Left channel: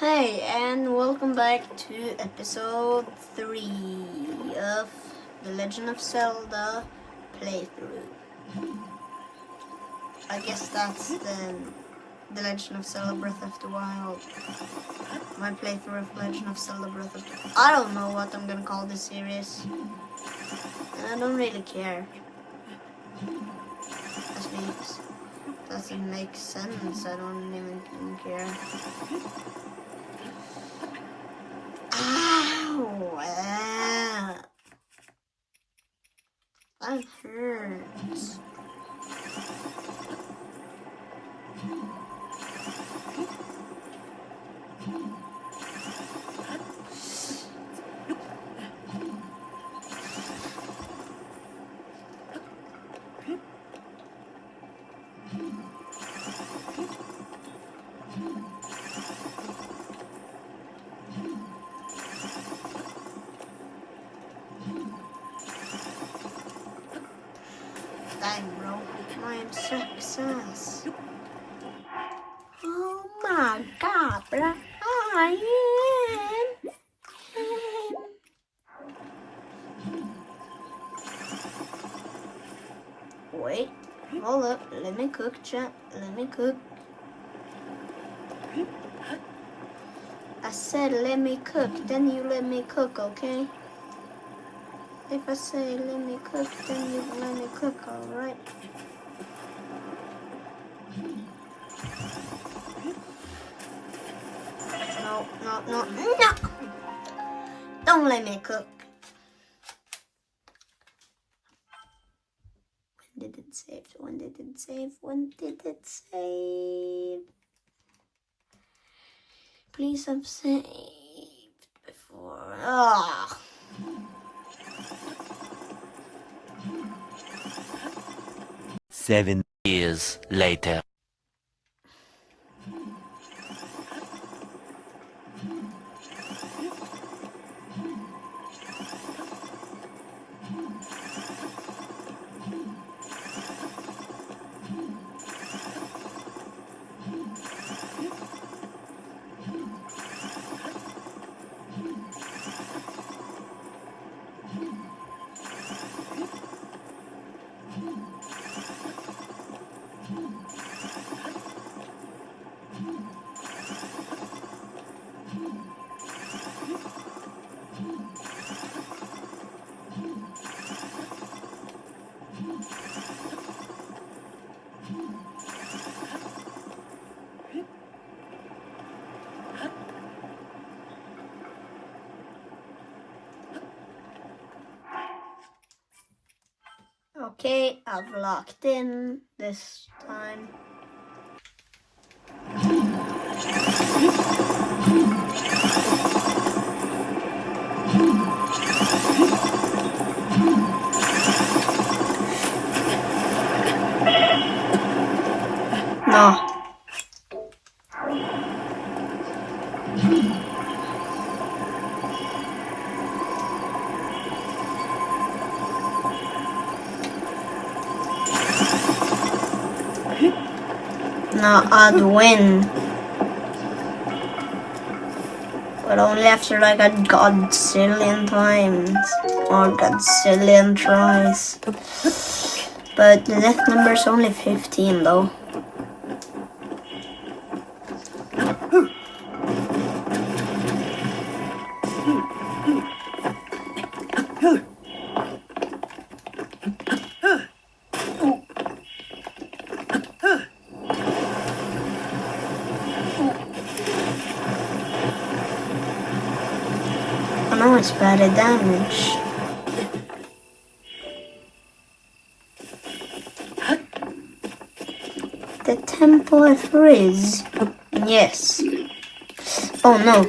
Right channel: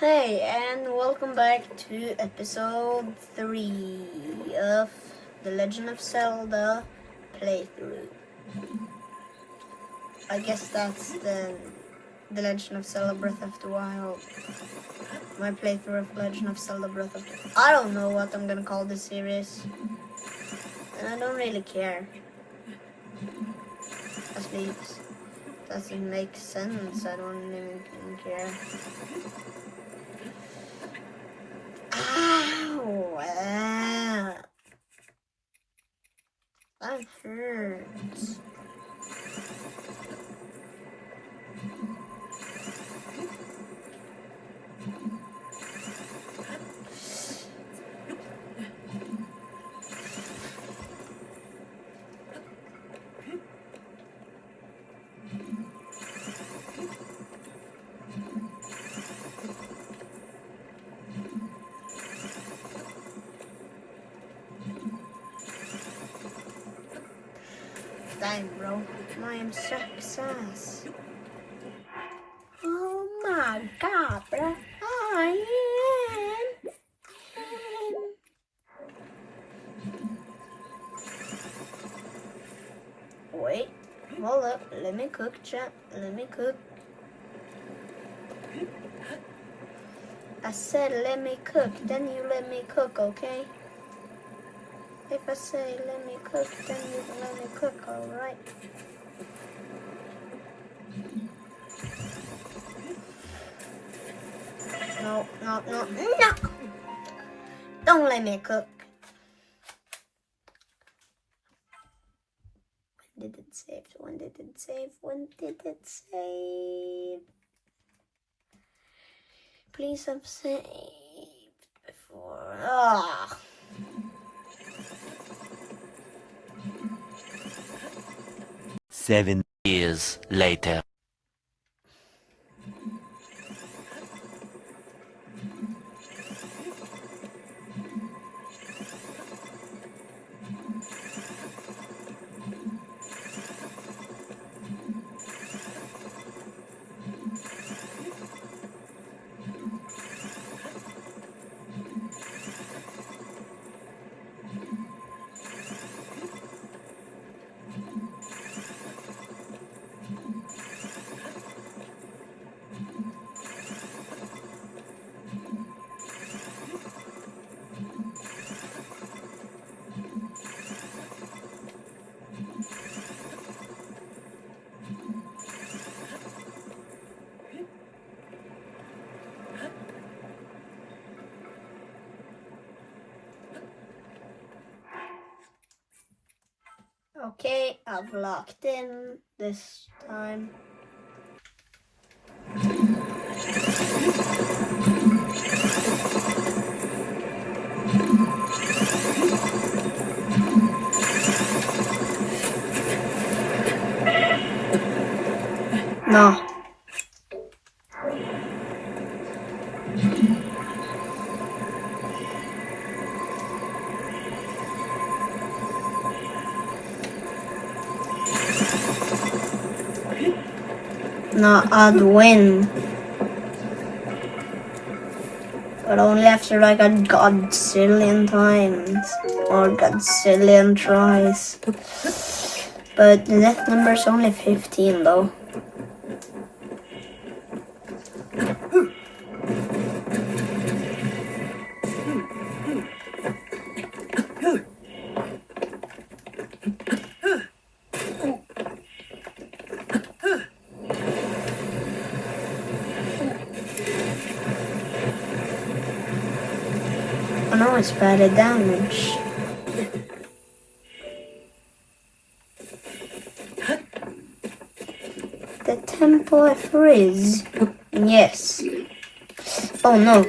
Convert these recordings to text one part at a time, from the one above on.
Hey, and welcome back to episode 3 of The Legend of Zelda playthrough. I guess that's the Legend of Zelda Breath of the Wild. My playthrough of Legend of Zelda Breath of the Wild. I don't know what I'm gonna call this series. I don't really care. Actually, it doesn't make sense. I don't even care. Ow! That hurts. Dang, bro. My success. Oh my god, bro. Wait, hold up. Let me cook, chat. Let me cook. I said let me cook, then you let me cook, okay? If I say let me cook, then you let me cook, alright? No. Don't let me cook. When did it save? When did it save? When did it save? Please have saved before. Ah. 7 years later. Okay, I've locked in this time. No. No, I'd win. But only after like a godzillion times. Or godzillion tries. But the death number is only 15 though. I know it's better damage. The temple of Riz. Yes. Oh no.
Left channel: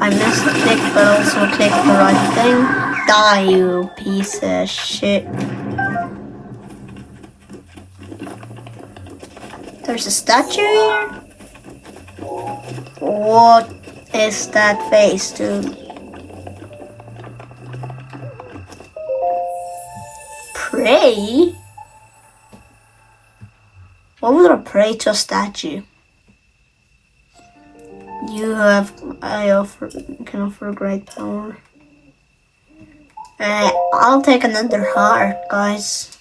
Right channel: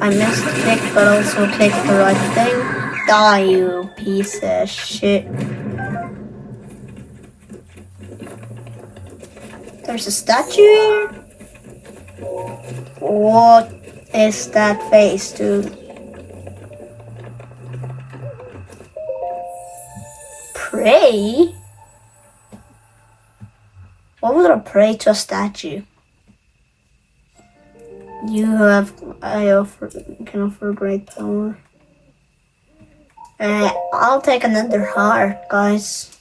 I misclicked but also clicked the right thing. Die, you piece of shit. There's a statue here? What is that face, dude? Pray? Why would I pray to a statue? Can offer great power. I'll take another heart, guys.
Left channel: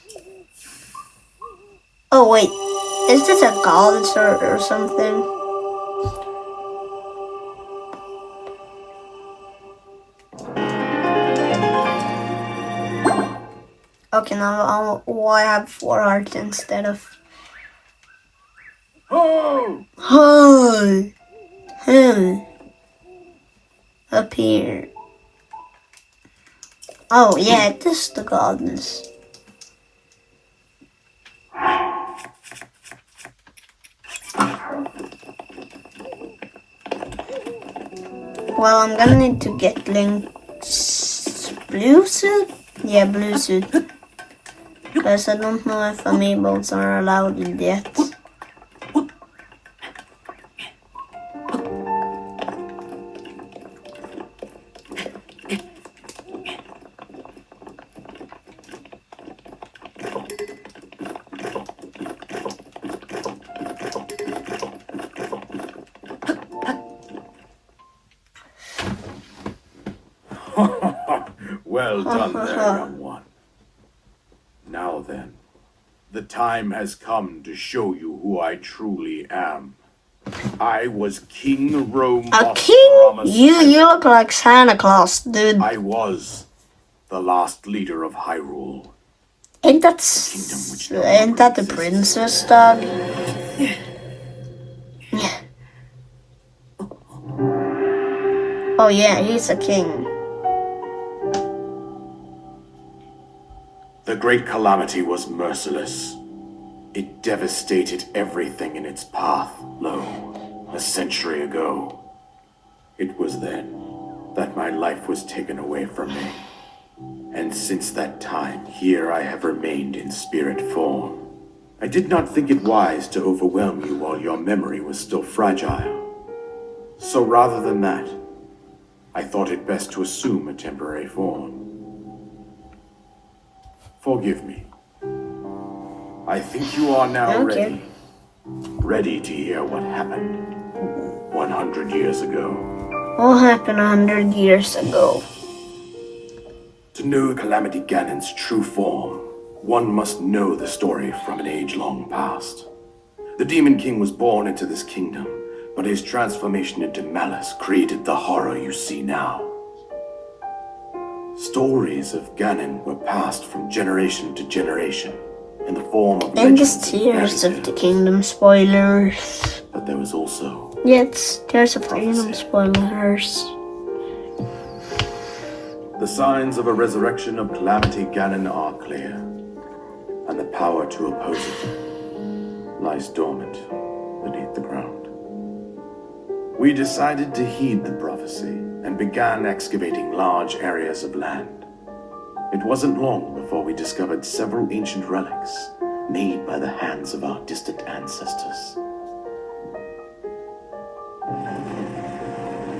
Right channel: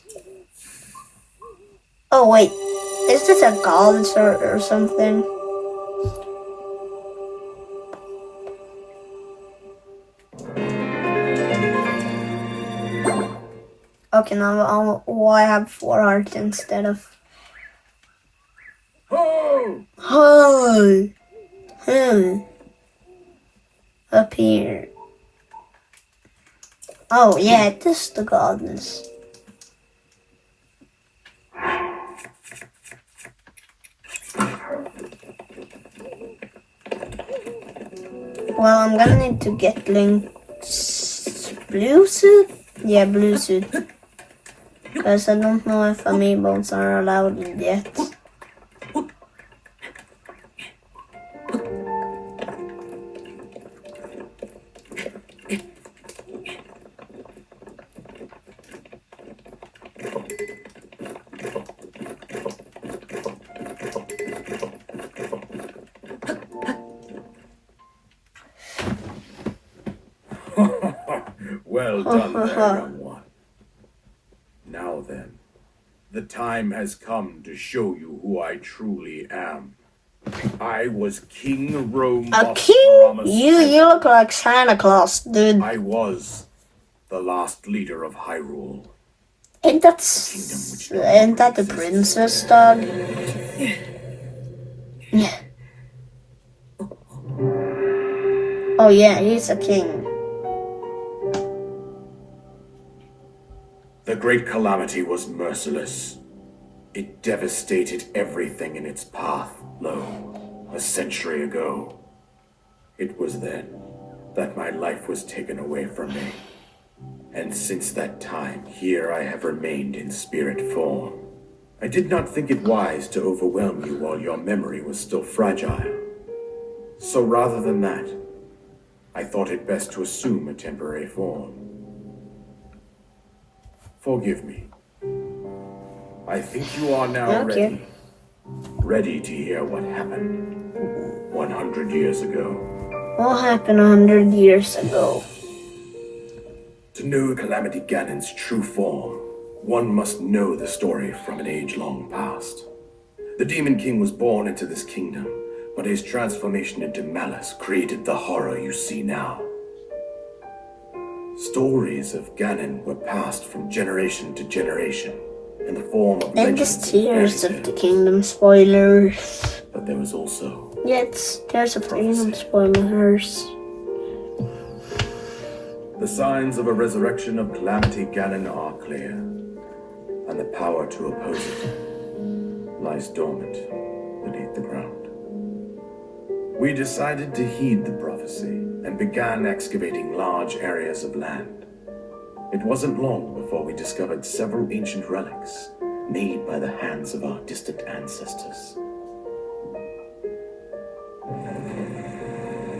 Oh wait, is this a god or something? Okay, now why have 4 hearts instead of... Oh! Hi! Up here. Oh yeah, this is the goddess. Well, I'm gonna need to get Link's blue suit? Yeah, blue suit. Because I don't know if amiibos are allowed yet. Well done there, young one. Now then, the time has come to show you who I truly am. I was King Rome A of king? Promise. You look like Santa Claus, dude. I was the last leader of Hyrule. Ain't that the princess, dog? Yeah. Oh yeah, he's a king. The Great Calamity was merciless. It devastated everything in its path, lo, a century ago. It was then that my life was taken away from me. And since that time, here I have remained in spirit form. I did not think it wise to overwhelm you while your memory was still fragile. So rather than that, I thought it best to assume a temporary form. Forgive me. I think you are now ready. Ready to hear what happened 100 years ago. What happened 100 years ago? To know Calamity Ganon's true form, one must know the story from an age-long past. The Demon King was born into this kingdom, but his transformation into malice created the horror you see now. Stories of Ganon were passed from generation to generation in the form of And legends just and Tears fairy of the tales. Kingdom spoilers. But there was also Yeah, it's Tears of the Kingdom spoilers. the signs of a resurrection of Calamity Ganon are clear, and the power to oppose it lies dormant beneath the ground. We decided to heed the prophecy and began excavating large areas of land. It wasn't long before we discovered several ancient relics made by the hands of our distant ancestors.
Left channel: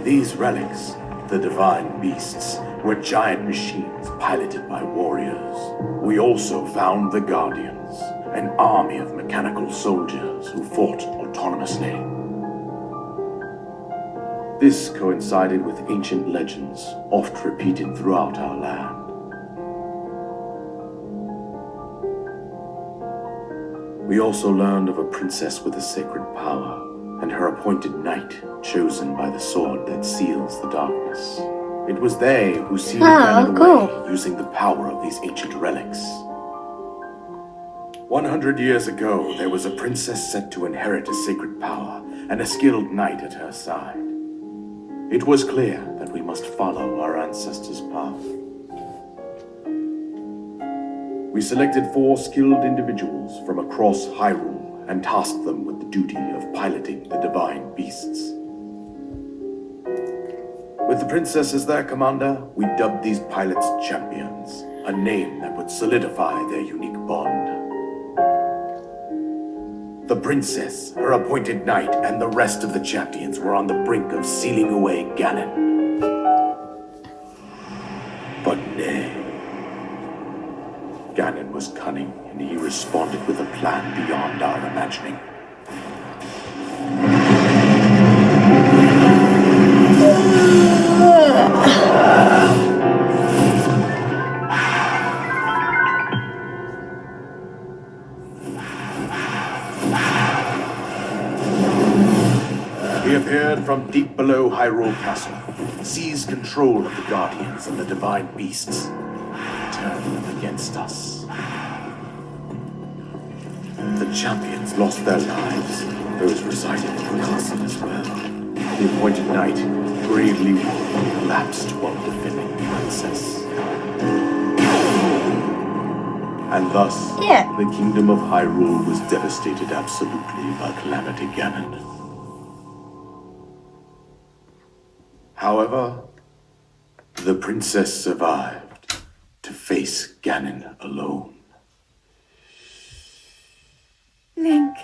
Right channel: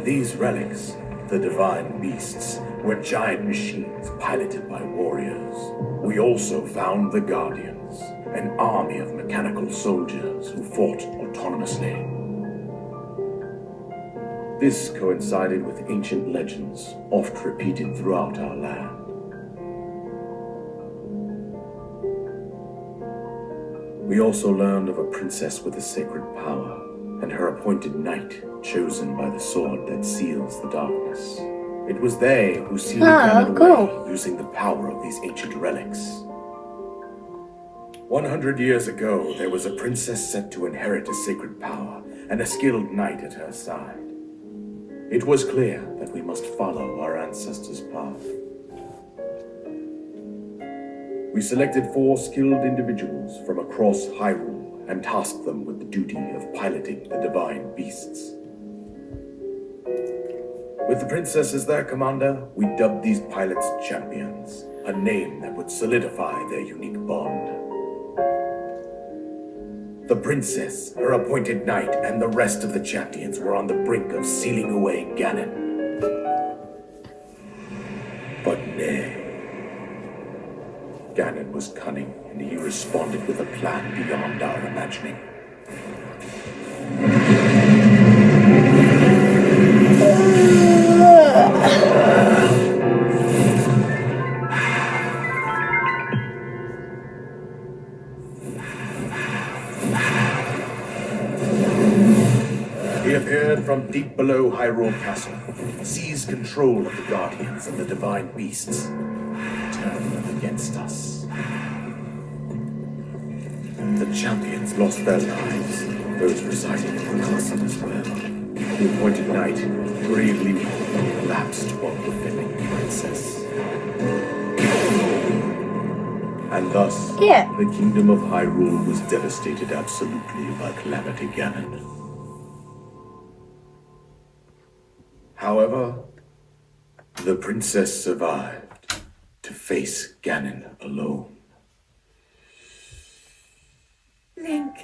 These relics, the divine beasts, were giant machines piloted by warriors. We also found the Guardians, an army of mechanical soldiers who fought autonomously. This coincided with ancient legends, oft repeated throughout our land. We also learned of a princess with a sacred power, and her appointed knight, chosen by the sword that seals the darkness. It was they who sealed Ganon away, using the power of these ancient relics. 100 years ago, there was a princess set to inherit a sacred power, and a skilled knight at her side. It was clear that we must follow our ancestors' path. We selected 4 skilled individuals from across Hyrule and tasked them with the duty of piloting the divine beasts. With the princess as their commander, we dubbed these pilots champions, a name that would solidify their unique bond. The princess, her appointed knight, and the rest of the champions were on the brink of sealing away Ganon. But nay, Ganon was cunning, and he responded with a plan beyond our imagining. He appeared from deep below Hyrule Castle, seized control of the Guardians and the Divine Beasts, and turned them against us. The champions lost their lives, those residing in the castle as well. The appointed knight, gravely wounded, collapsed while defending the princess. And thus, the kingdom of Hyrule was devastated absolutely by Calamity Ganon. However, the princess survived to face Ganon alone. Link,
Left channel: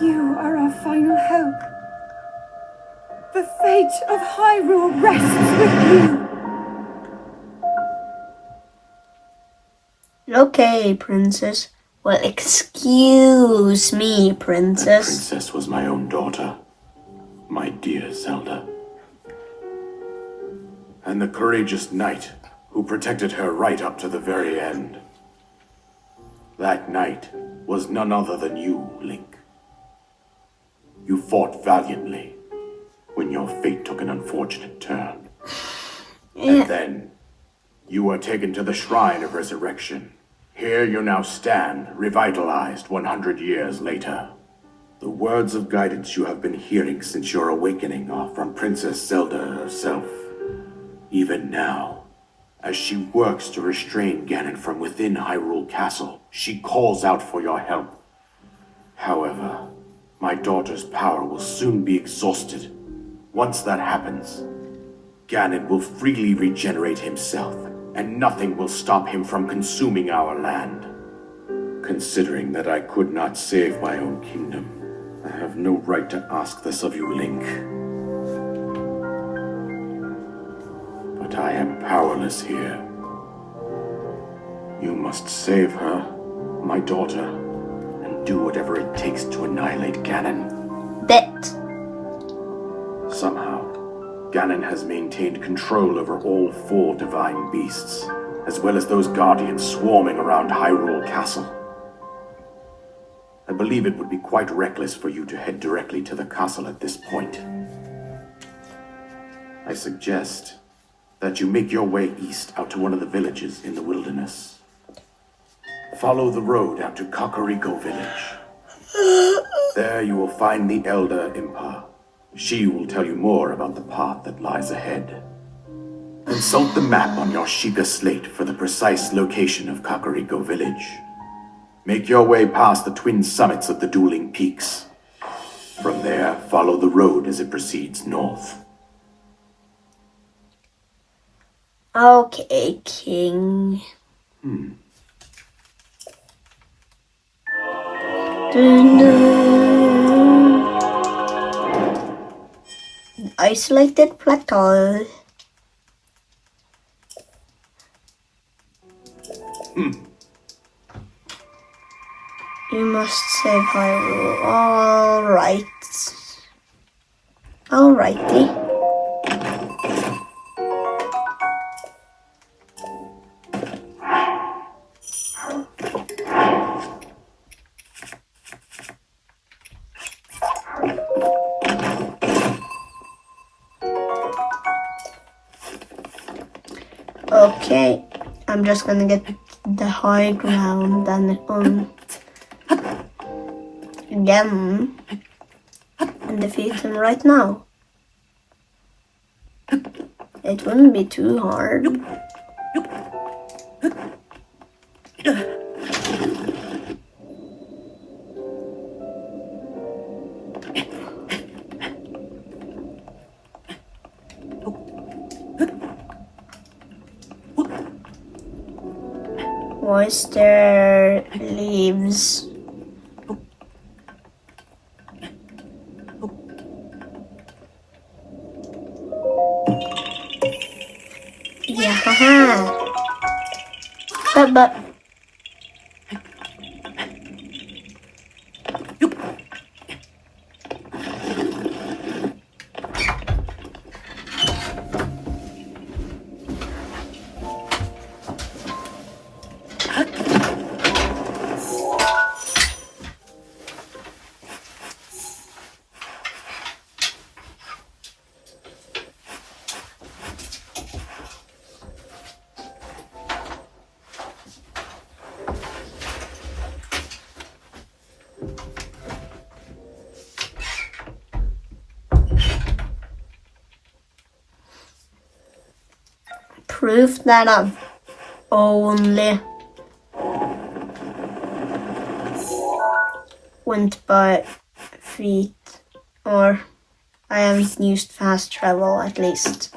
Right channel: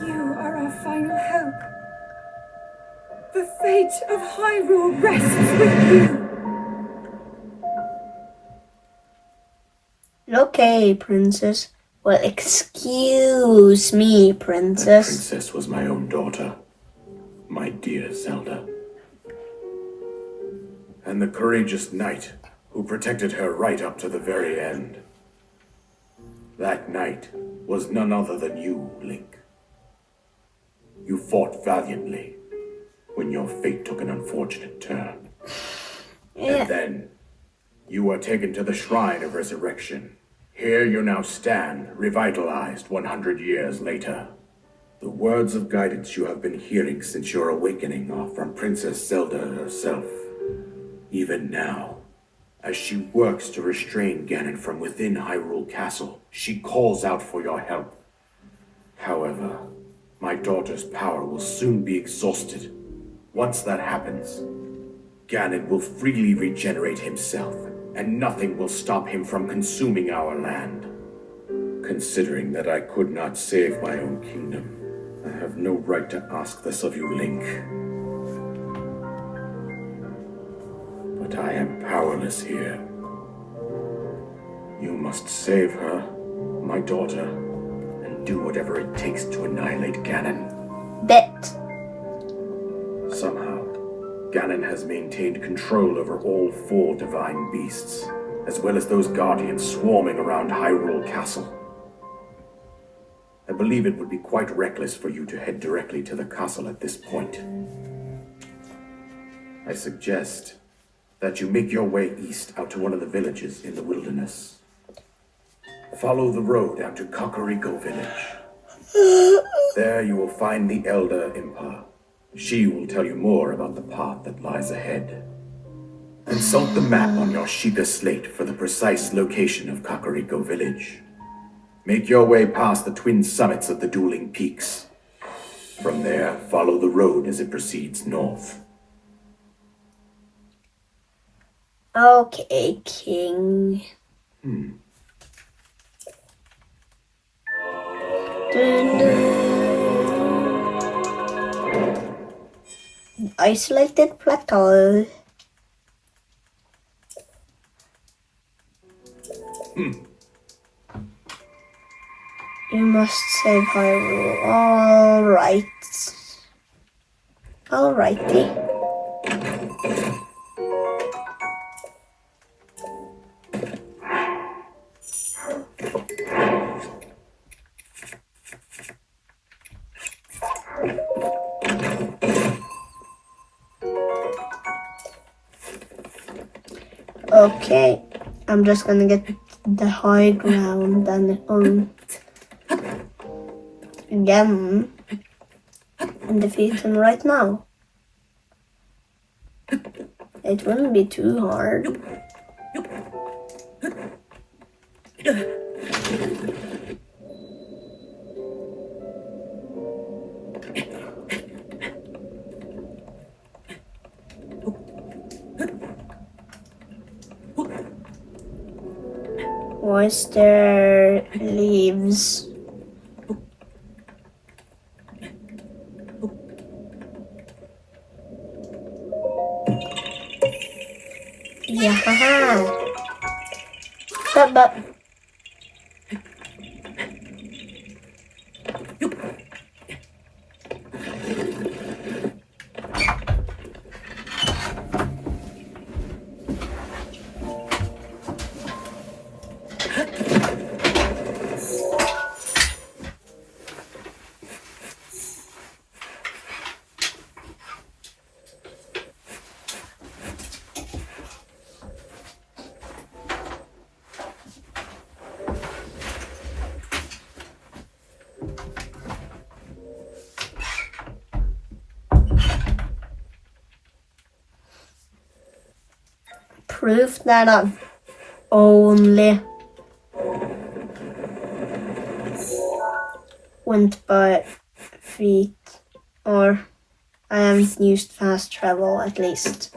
you are our final hope. The fate of Hyrule rests with you. Okay, princess. Well, excuse me, That princess. princess was my own daughter, my dear Zelda. And the courageous knight who protected her right up to the very end. That knight was none other than you, Link. You fought valiantly when your fate took an unfortunate turn. And then you were taken to the Shrine of Resurrection. Here you now stand, revitalized 100 years later. The words of guidance you have been hearing since your awakening are from Princess Zelda herself. Even now, as she works to restrain Ganon from within Hyrule Castle, she calls out for your help. However, my daughter's power will soon be exhausted. Once that happens, Ganon will freely regenerate himself, and nothing will stop him from consuming our land. Considering that I could not save my own kingdom, I have no right to ask this of you, Link. But I am powerless here. You must save her, my daughter, and do whatever it takes to annihilate Ganon. Bet. Somehow, Ganon has maintained control over all 4 divine beasts, as well as those guardians swarming around Hyrule Castle. I believe it would be quite reckless for you to head directly to the castle at this point. I suggest that you make your way east out to one of the villages in the wilderness. Follow the road out to Kakariko Village. There you will find the Elder Impa. She will tell you more about the path that lies ahead. Consult the map on your Sheikah slate for the precise location of Kakariko Village. Make your way past the twin summits of the dueling peaks. From there, follow the road as it proceeds north. Okay, King. Dun, dun. Isolated plateau. You must save Hyrule. Alright. Alrighty. Okay, I'm just gonna get the high ground and again and defeat him right now. It wouldn't be too hard. Why is there leaves? Yeah, haha. But proof that I've only went by feet, or I haven't used fast travel at least.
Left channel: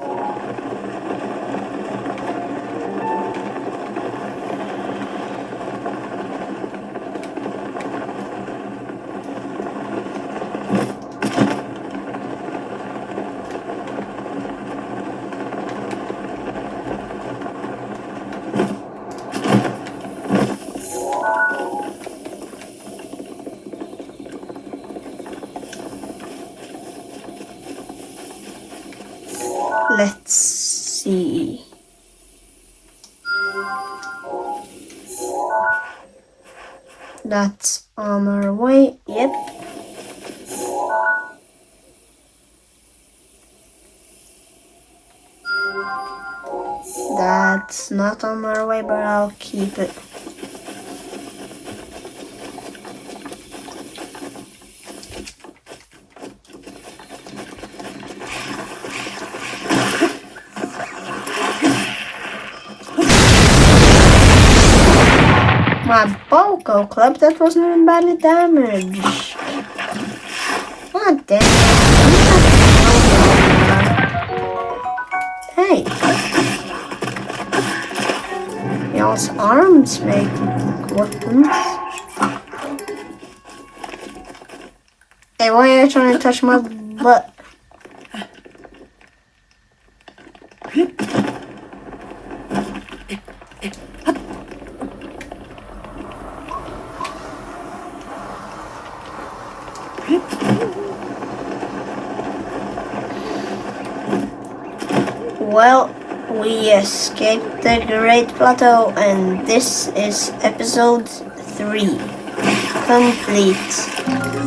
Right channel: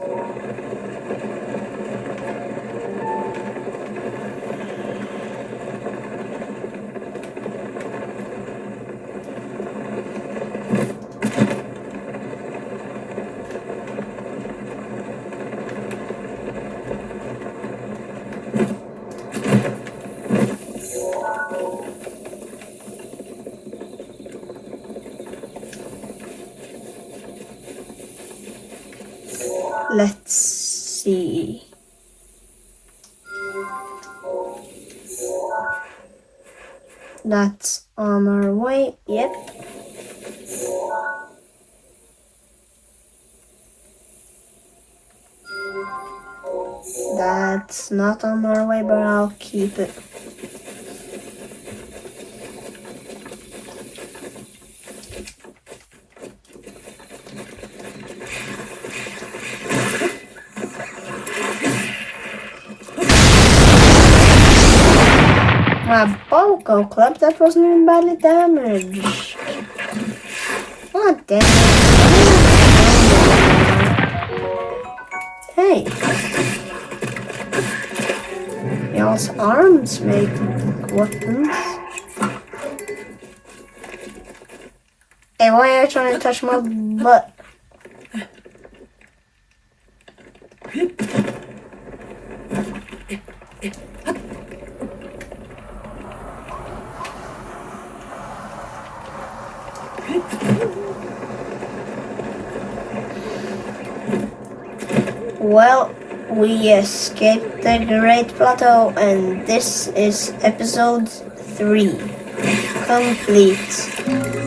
Let's see. That's on our way. Yep. That's not on our way, but I'll keep it. My Balco Club, that wasn't even badly damaged. God damn. Hey. Y'all's arms make weapons. Hey, why are you trying to touch my butt? Well, we escaped the Great Plateau, and this is episode 3. Complete.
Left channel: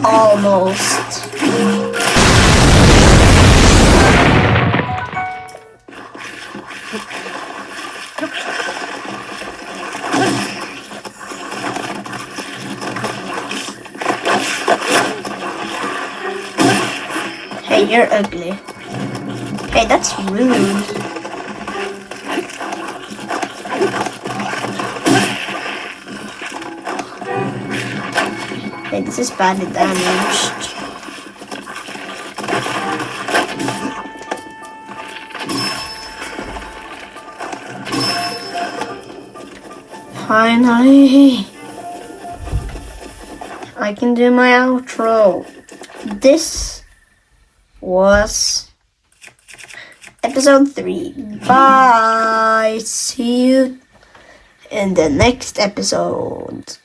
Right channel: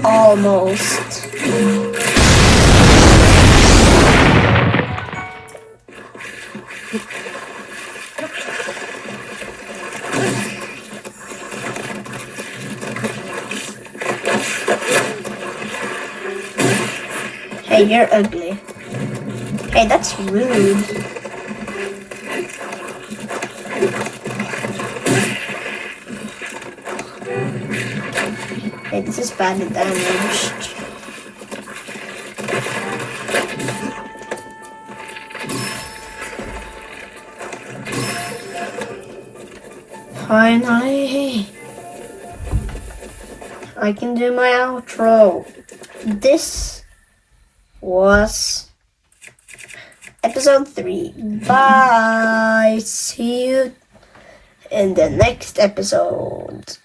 Almost. Hey, you're ugly. Hey, that's rude. Hey, this is badly damaged. Finally, I can do my outro. This was episode 3. Bye. See you in the next episode.